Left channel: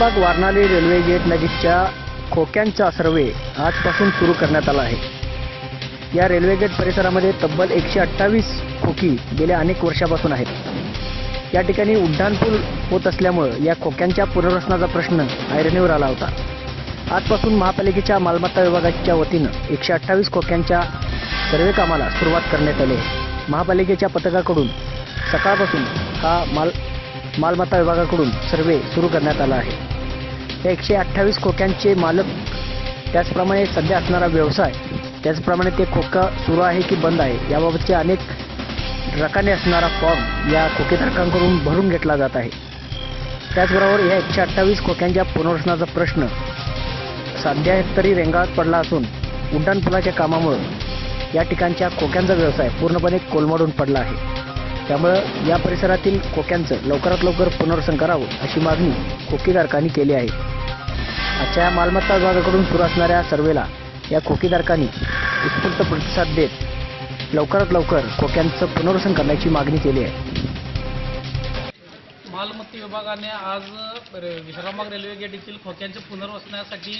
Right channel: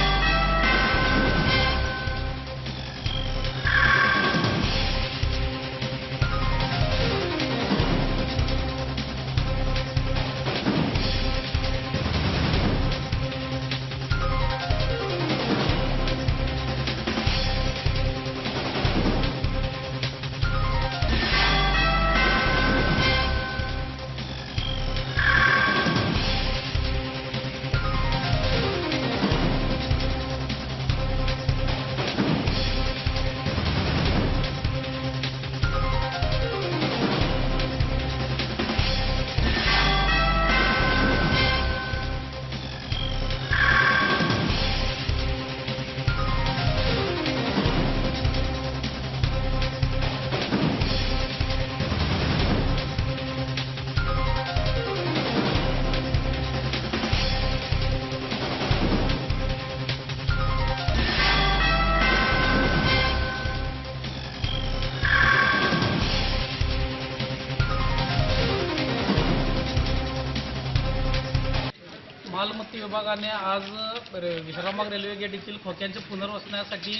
वारनाली railway gate नदीकच्या खोक्यांचा सर्वे आजपासून सुरू करण्यात आला आहे. या रेल्वे गेट परिसरामध्ये तब्बल एकशे अठ्ठावीस खोकी गेल्या अनेक वर्षापासून आहेत. या ठिकाणी उड्डाणपूल होत असल्यामुळं या खोक्यांच्या पुनर्वसनाचा प्रश्न ऐरणीवर आला होता. आजपासून महापालिकेच्या मालमत्ता विभागाच्या वतीनं एकशे अठ्ठावीस खोक्यांच्या सर्वे कामाला सुरुवात करण्यात आली महापालिकेच्या पथकाकडून सकाळपासून हा माल मालमत्ता विभागाकडून सर्वे सुरू करण्यात आला आहे. एकशे अठ्ठावीस खोक्यांचे मालक. त्याचप्रमाणे सध्या असणारा व्यवसाय त्याचप्रमाणे ते खोका सुरू आहे की बंद आहे याबाबतचे अनेक रकाने असणारा फॉर्म या खोकेधारकांकडून भरून घेतला जात आहे. त्याचबरोबर या एकशे अठ्ठावीस खोक्यांच्या पुनर्वसनाचा प्रश्न सध्या तरी रेंगाळत पडला असून उड्डाणपुलाच्या कामामुळे या ठिकाणच्या खोक्यांचा व्यवसाय पूर्णपणे कोलमडून पडला आहे. त्यामुळं या परिसरातील खोक्यांचं लवकरात लवकर पुनर्वसन करावं अशी मागणी खोकीधारकांनी केली आहे. त्यांच्या मालमत्ता विभागाकडून सुरू असणाऱ्या सर्वेला या खोकीधारकांनी उत्स्फूर्त प्रतिसाद देत लवकरात लवकर खोक्यांचं पुनर्वसन करण्याची मागणी केली आहे. मालमत्ता विभागाने आज विश्रामबाग रेल्वे गेट येथील खोक्यांच्या पुनर्वसनासाठी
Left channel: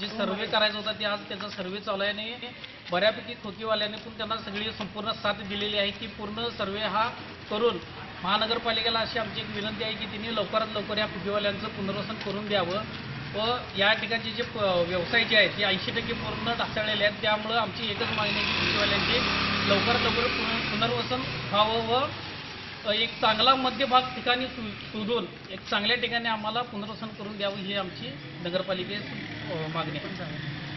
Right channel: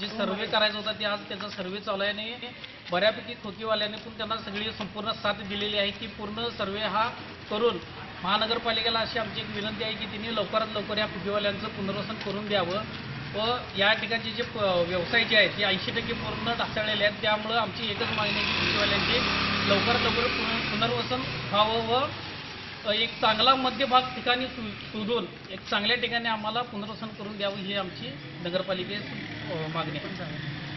जे सर्वे करायचा होता ते आज त्याचा सर्वे चालू आहे आणि बऱ्यापैकी खोकीवाल्यांनी पण त्यांना सगळी संपूर्ण साथ दिलेली आहे की पूर्ण सर्वे हा करून महानगरपालिकेला अशी आमची एक विनंती आहे की त्यांनी लवकरात लवकर या खोकीवाल्यांचं पुनर्वसन करून द्यावं. व या ठिकाणचे जे प- व्यवसाय जे आहेत ते ऐंशी टक्के पूर्ण ढासळलेले आहेत. त्यामुळं आमची एकच मागणी आहे की लवकरात लवकर पुन- पुनर्वसन व्हावं व एक चांगला मध्यभाग ठिकाणी शो- शोधून एक चांगल्या ठिकाणी आम्हाला पुनर्वसन करून द्यावं ही आमची नगरपालिकेस मागणी आहे.